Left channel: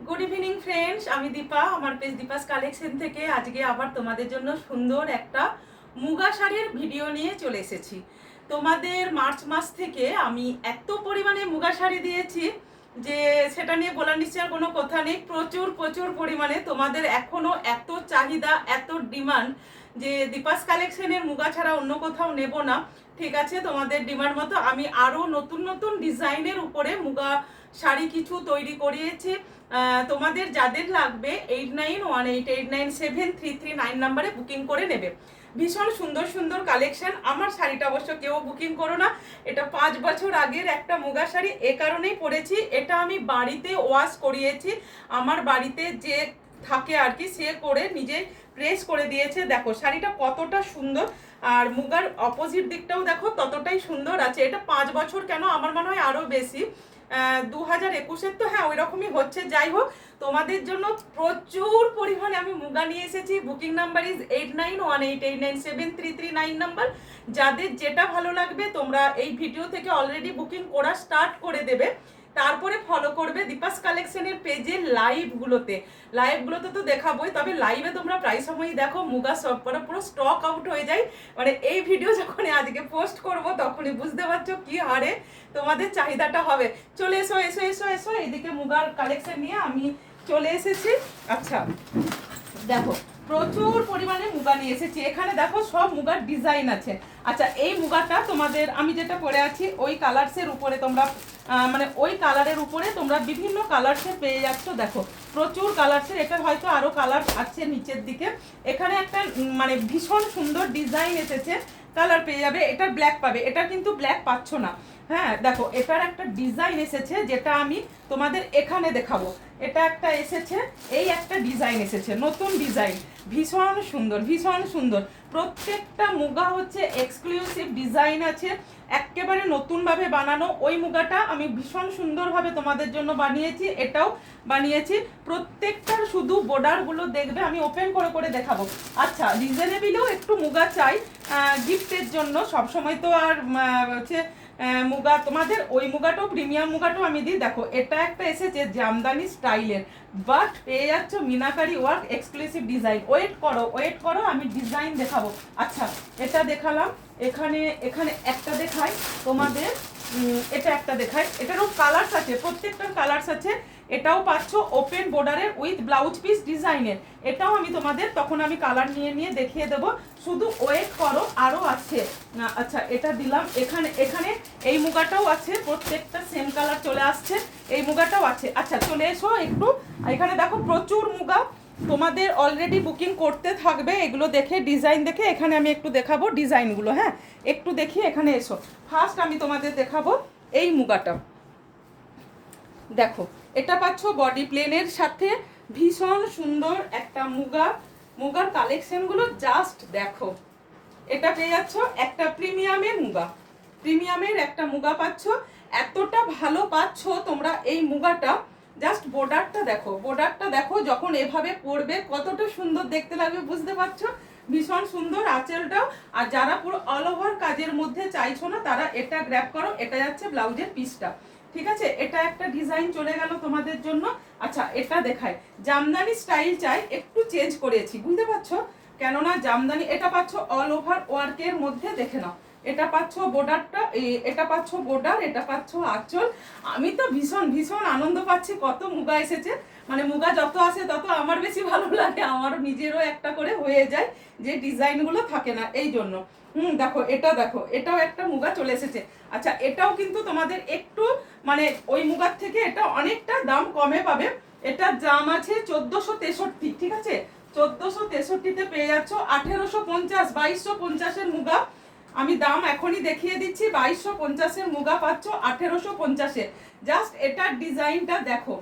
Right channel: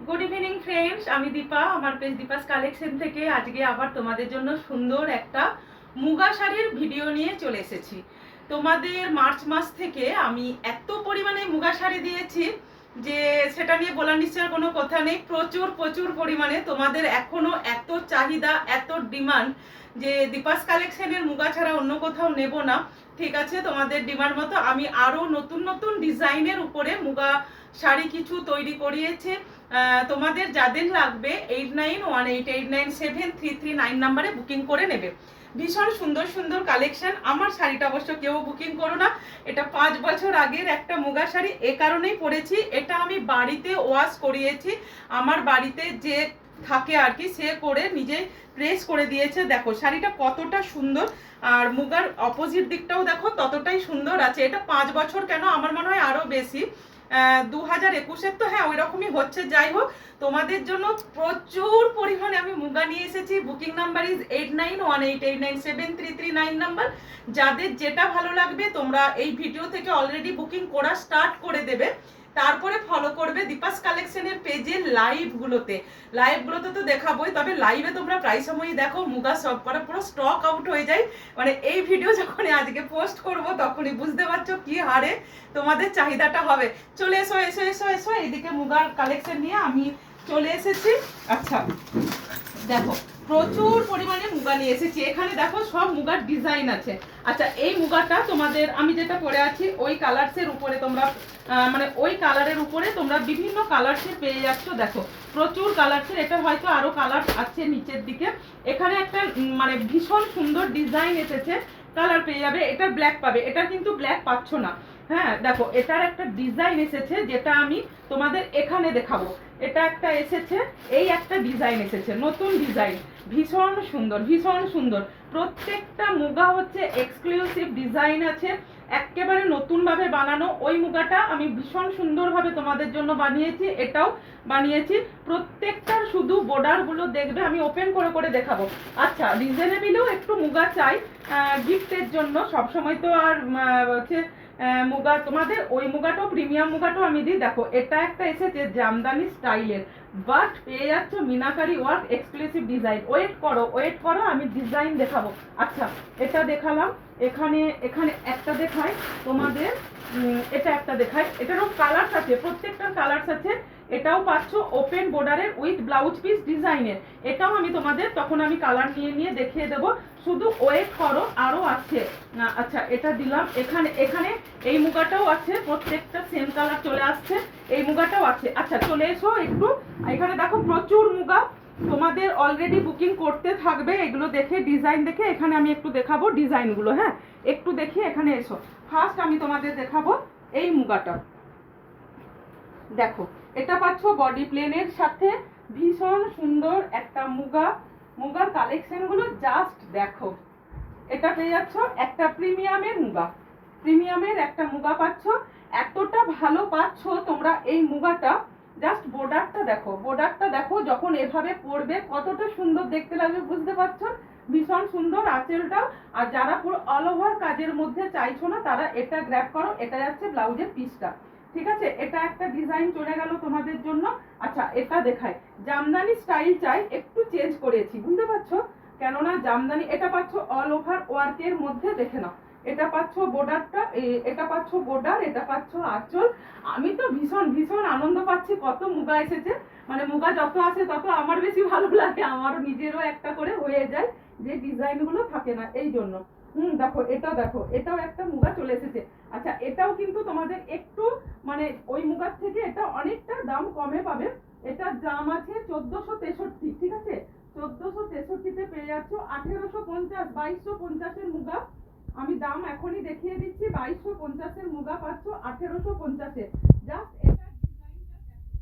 Good evening friends, আমি দীপা। আমার page Deepa's collection থেকে আজকে আবার তোমাদের জন্য সুন্দর একটা মুগা শাড়ির ভিডিও নিয়ে চলে এসেছি। তোমাদের মার্চ মাস থেকে আমি এত পরিমাণে মুগা শাড়ি দিয়েছি যে সেটা নিয়ে বলার নিশ্চয় কোনো কথা নেই। প্রচুর প্রচুর পরিমাণে তোমাদের এখনো এত চাহিদা, এত ডিমান্ড যে দীপাস কালেকশনের মুগা ছাড়া অন্য কোথাও নেব না। ঠিক আছে, তোমাদের ডিমান্ড মতো আমি আরও নতুন নতুন ডিজাইনের উপরে মুগা শাড়ি কিছু তৈরি করিয়েছি। তোমাদের যাদের লাগবে 8918897339 নাম্বারে বুকিং করে নেবে। ভীষণ সুন্দর সুন্দর কালেকশন। আমার শাড়িটা অবশ্য কেউ বুকিং করো না, এটা 5 বছর আগের একটা মুগা শাড়ি, এ কারণেই পরেছি। এটা আমি বাড়িতে ওয়াশ করিয়েছি, আমার বাড়িতে যে থাকে আর কি, সে করে নিজে প্রেস করে দিয়েছে। দেখো শাড়িটা কতটা সুন্দর, আর মুগার অপোজিট দিকটাও দেখো ততটাই সুন্দর আছে। এটা 5 বছর কেন, আমার মনে হয় আরও বেশি। 2021-এর তো হ্যাঁ ওই রকমই হচ্ছে। যাই হোক, তোমাদের জন্য প্রচুর পরিমাণে আমি মুগা নিয়ে এসেছি। Booking number is 8918897339 number. যাদের যেটা ভালো লাগবে তোমরা এই ভিডিও থেকে অলরেডি বুকিং করা স্টার্ট করে দেবে, তারপরে ফলো করবে দীপাস কালেকশনের পেজের লাইভগুলোতে তো দেখাবোই, তবে লাইভে তোমরা প্রায় সময়ই দেখো মুগা সব করা পুরো স্টক আউট হয়ে যায়। মানে এই ভিডিও যখন আজকে পোস্ট করব তখনই বুঝতে পারছো কি হারে তোমাদের চাহিদাটা হবে। চলে এসো এসো এসো এসো, এইদিকে মুগার কালেকশন নিয়ে আমি চলে এসেছি। আচ্ছা দেখো, প্রচুর পরিমাণে মুগা নিয়ে এসেছি। এখানে দেখো সব মুগার ডিজাইন আছে। আচ্ছা, এই মুগাটা তোমাদের আমি যেটা পরে আছি ওই কালার্সের উপরে তোমরা মানে ওই কালারের উপরে তোমরা বিভিন্ন কালার্সের পেয়ে যাচ্ছ। দেখো প্রচুর কালার্সের, এটার হয়তো আরো কালার আছে নিচের দিকে। এখানে একটা মানে ভীষণ সুন্দর ডিজাইন এসেছে, কালার পেয়ে যাবে। এটার ব্ল্যাক পাবে, এটা কিন্তু ব্ল্যাক পাচ্ছ না। হ্যাঁ দেখো, এটার একটা ডিজাইন এসেছে যেটা আমি তোমাদের এখানে দেখাবো। এটা একটা এসেছে, এই একটা ডিজাইন এসেছে, নতুন ডিজাইন, ভীষণ সুন্দর ভীষণ সুন্দর। প্রত্যেকটা মুগা হচ্ছে এক্সক্লুসিভ ডিজাইন আছে, একেবারে নতুনভাবে বানানো। ওই মুগাটা আমি ভীষণ সুন্দরভাবে তোমাদের জন্য বানিয়েছি, এটাও বানিয়েছি। প্রত্যেকটার শুধু বর্ডারগুলো দেখবে, আমি ওপেন করে করে দেখাবো। আচ্ছা, রিজনেবলও একটু মুগা চাই গিফটের জন্য, সবসময় তো আর হচ্ছে মুগা তোমাদের ওই মুগাটাও প্রিমিয়াম মুগাটাও আমি দিই। দেখো এটা একটা এসেছে জামদানি স্টাইলের, বাট পেয়ে যাচ্ছ meenakari work exclusive design. Wait করো আমি ডিজাইন দেখাবো। আচ্ছা এটা দেখালাম, এখানে এখানে একটা দেখাই তোমাদের, এটা একটা দেখাই। এটারও কালার্স আছে, প্রত্যেকটার কালার্স আছে। এটাও পাচ্ছ ওপেন বর্ডারের উইথ ব্লাউজ পিস ডিজাইনের। এটাও আমি তোমাদের তখন আমি কালার নিয়ে নিয়ে দেখিয়ে দেবো, শুধু ওয়েট করো, আরও আছে। আচ্ছা এটা দিলাম। এখানে এখানে এই মুগাটাও আছে, প্রত্যেকটা সেম কালার চলে আসছে। এই মুগাটাও আছে। আচ্ছা চলে এসো একটু, এখানে দেখো প্রচুর মুগা তোমাদের অলরেডি বুকিং করতে থাকবে। এগুলো দেখে ডিজাইন দেখে এখানে আমি একটু দেখাবো ডিজাইনগুলো। হ্যাঁ একটু দেখি, এখানে এসো। ফার্স্ট আমি তোমাদের দেখাবো এই মুগাটা। দেখো এটা পাচ্ছ বডি প্লেনের সাথে, ভীষণ সুন্দর একটা মুগার কালেকশনগুলো জাস্ট দেখো। এটা পেয়ে যাচ্ছ একটা প্রিমিয়ামের একটা মুগা পাচ্ছ। এতটা ভালো পাচ্ছ তোমরা এই মুগাটা। জাস্ট বর্ডারটা দেখো, যখন এভাবে পরবে কতটা সুন্দর দেখতে লাগবে, বুঝতে পারছো? ভীষণ সুন্দর আঁচলটাও। আর যারা পুরো অল ওভার কাজের মধ্যে চাইছো না তারা এটা গ্র্যাব করো। এটা যাচ্ছে ব্লাউজের পিসটা, ঠিক আছে? এটা একটা ডিজাইন চলে গেল তোমাদের জন্য। আচ্ছা এটা দেখায়, জামদানি স্টাইল চাই, একটু চেঞ্জ করেছি, বুঝতে পারছো? কেননা জামদানি এটা পাচ্ছ অল ওভার ওয়ার্কের মধ্যে, দেখে নাও। এটা পাচ্ছ বর্ডারটা, এটা পাচ্ছ বর্ডার, এটা পাচ্ছ আঁচল। আমি তো ভীষণ ভীষণ আনন্দ পাচ্ছি, কত মুগা এসেছে। মানে মুগা যত আসে তত আমার বেশি ভালো লাগে, আমার নিজেরও একটা করে হয়ে যায়, যে ডিজাইনগুলো থাকে না এই জন্য। দেখো এটা দেখো, এটাও একটা মুগা চলে এসেছে। আচ্ছা এটাও কিন্তু তোমাদের একটু মানে ওই মুগার থেকে এটা অনেকটা দাম কমে পাবে। এটার দাম আছে 1463, ঠিক আছে? 1463-তে পেয়ে যাচ্ছ 1850, 2250-এর মুগা। আমি দাম এখনই দেখিয়ে দিচ্ছি, 2250-এর মুগা পাচ্ছ 1850-এ। জাস্ট এটার ডিজাইনটা দেখো,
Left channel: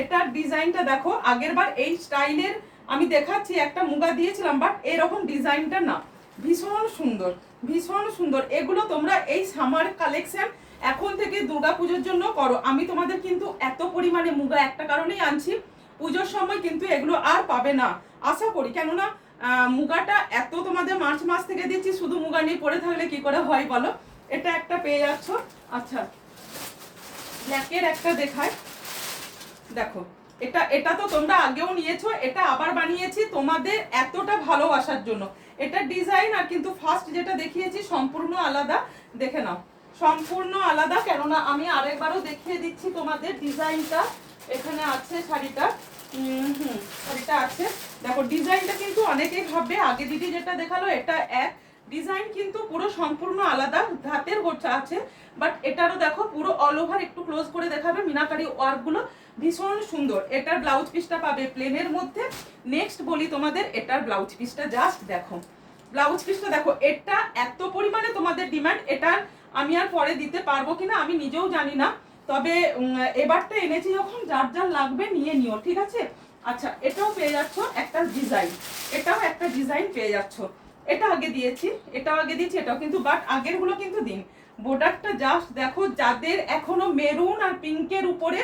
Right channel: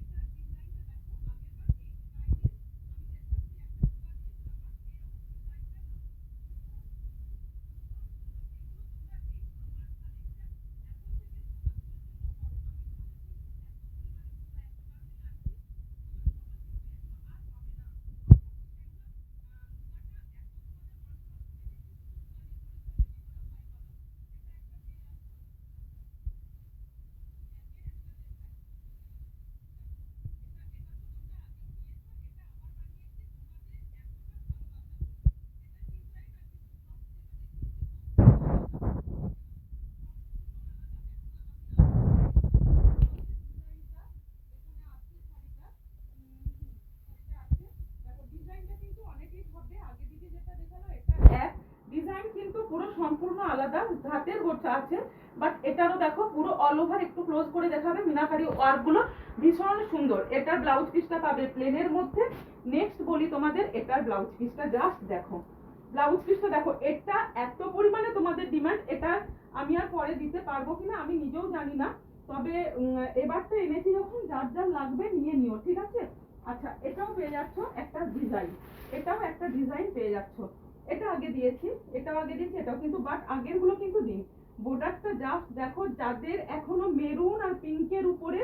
এটার ডিজাইনটা দেখো। আগের বার এই স্টাইলের আমি দেখাচ্ছি, একটা মুগা দিয়েছিলাম, বাট এরকম ডিজাইনটা না। ভীষণ সুন্দর ভীষণ সুন্দর। এগুলো তোমরা এই সামার কালেকশন এখন থেকে দুর্গাপুজোর জন্য করো। আমি তোমাদের কিন্তু এত পরিমাণে মুগা একটা কারণেই আনছি, পুজোর সময় কিন্তু এগুলো আর পাবে না আশা করি। কেননা মুগাটা এত তোমাদের মার্চ মাস থেকে দিচ্ছি, শুধু মুগা নিয়ে পড়ে থাকলে কি করে হয় বলো? এটা একটা পেয়ে যাচ্ছ। আচ্ছা ব্ল্যাকের একটা দেখায়, দেখো এটা এটা তো তোমরা আগেও নিয়েছো, এটা আবার বানিয়েছি তোমাদের এতটা ভালোবাসার জন্য। এটা ডিজাইন আর কিন্তু ফার্স্ট যেটা দেখিয়েছি সম্পূর্ণ আলাদা, দেখে নাও সম্পূর্ণ আলাদা। কেননা আমি আরেকবারও দেখিয়ে দিচ্ছি তোমাদের ডিজাইনটা, এখানে আছে শাড়িটা, শাড়িটা আছে দেখো। ডিজাইনটা কিন্তু অনেকেই ভাববে আগে দিদি যেটা দেখালো এটা এক, ডিজাইন কিন্তু পুরো সম্পূর্ণ আলাদা, হাতের গোছা আছে, বাট এটারও দেখো পুরো অল ওভার একটু ক্লোজ করে দেখাবে মিনাকারি ওয়ার্কগুলো ভীষণ সুন্দর। এটার ব্লাউজ পিসটা পাবে প্লেনের মধ্যে। নেক্সট বলি তোমাদের এটার ব্লাউজ পিসটা, জাস্ট দেখো ব্লাউজ পিসটা দেখো। এটা এত পরিমাণে তোমাদের ডিমান্ড, এটার আমি আর পরে দিতে পারবো কিনা আমি নিজেও জানি না, তবে এবারটা এনেছি যখন যার যার লাগবে নিয়ে নিও, ঠিক আছে। আচ্ছা এটাও পেয়ে যাচ্ছ একটা ডিজাইন, এটাও একটা ডিজাইন পেয়ে যাচ্ছ। এটা আগে দিয়েছি, এটাও আগে দিয়েছি, এটাও কিন্তু, বাট আগের গুলো কিন্তু দিন। বর্ডারটা জাস্ট দেখো, যাদের এখনো মেরুন আর পিঙ্কের উপরে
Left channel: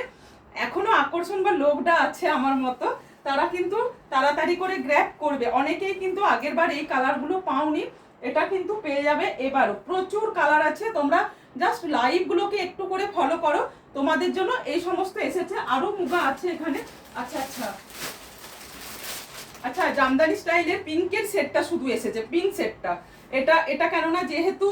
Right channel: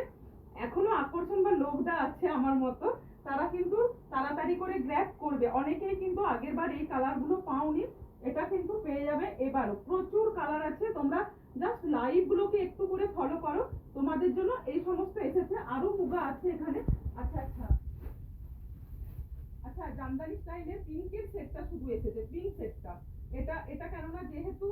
এখনো আকর্ষণ বা লোভটা আছে আমার মতো, তারা কিন্তু তাড়াতাড়ি করে গ্র্যাব করবে। অনেকেই কিন্তু আগের বার এই কালারগুলো পাওনি, এটা কিন্তু পেয়ে যাবে এবারও। প্রচুর কালার আছে, তোমরা জাস্ট লাইভগুলোকে একটু করে ফলো করো, তোমাদের জন্য এই সমস্ত এসেছে। আরো মুগা আছে এখানে। আচ্ছা আচ্ছা আচ্ছা, জামদানি স্টাইলের পিঙ্কের সেটটা শুধু এসেছে, পিঙ্ক সেটটা। এটা এটা কেননা যেহেতু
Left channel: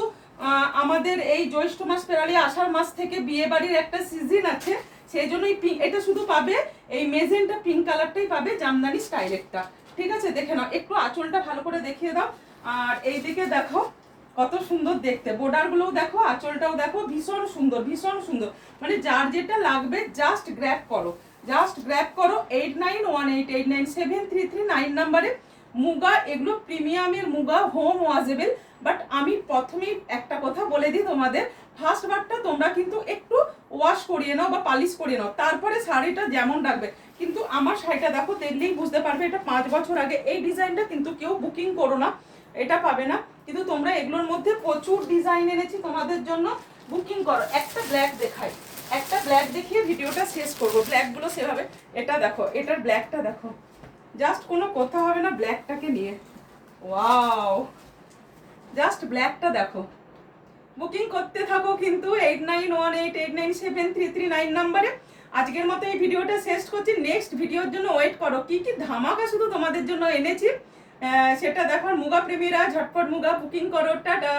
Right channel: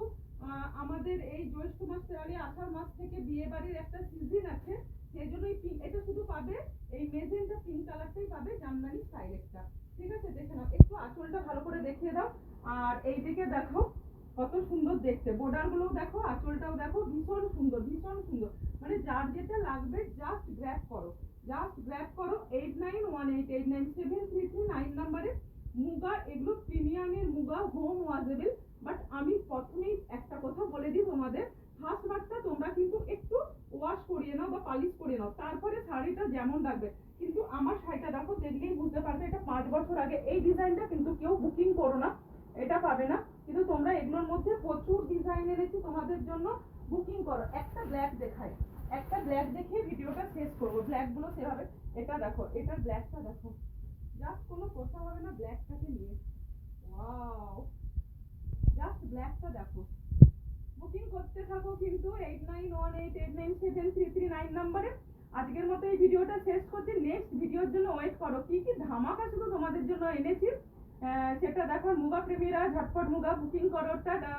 আমাদের এই জ্যৈষ্ঠ মাস পেরালে আষাঢ় মাস থেকে বিয়ে বাড়ির একটা সিজন আছে, সেই জন্যই এটা শুধু পাবে এই মেজেন্টা পিঙ্ক কালারটাই পাবে জামদানি স্টাইলেরটা, ঠিক আছে। দেখে নাও, একটু আঁচলটা ভালো করে দেখিয়ে দাও। আর এইদিকে দেখো কত সুন্দর দেখতে, বর্ডারগুলোও দেখো, আঁচলটাও দেখো, ভীষণ সুন্দর ভীষণ সুন্দর। মানে যার যেটা লাগবে জাস্ট গ্র্যাব করো, জাস্ট গ্র্যাব করো। 8918897339 নাম্বারে মুগা, এগুলো প্রিমিয়ামের মুগা, হোম ওয়াজেবল। বাট আমি প্রথমেই একটা কথা বলে দিই তোমাদের, ফার্স্ট বারটা তোমরা কিন্তু একটু ওয়াশ করিয়ে নাও বা পালিশ করিয়ে নাও, তারপরে শাড়িটা যেমন রাখবে। কিন্তু আমার শাড়িটা দেখো দেখলেই বুঝতে পারবে এটা 5 বছর আগে। এই ডিজাইনটা কিন্তু কেউ বুকিং করো না, এটা পাবে না। কিন্তু তোমরা এগুলোর মধ্যে প্রচুর ডিজাইন এনেছি তোমাদের জন্য, বুকিং করো। একটা ব্ল্যাক দেখাই, একটা ব্ল্যাক দেখিয়ে ভিডিওটা শেষ করবো। ব্ল্যাকগুলো সেভাবে, এটা দেখো, এটার ব্ল্যাকটা দেখো, জাস্ট কোনো কথা হবে না ব্ল্যাকটাকে নিয়ে। ওয়াও, জাস্ট ব্ল্যাকটা দেখো। বুকিং করতে থাকো কিন্তু 8918897339 নাম্বারে। আজকের মতো এই ভিডিওটা শেষ করছি, নেক্সট ভিডিওর জন্য ওয়েট করো। কি কি ধামাকা শুধু তোমাদের জন্য এনেছি সেটা দেখার। মুগা প্রেমীরা ঝটপট মুগা বুকিং করো, টাটা।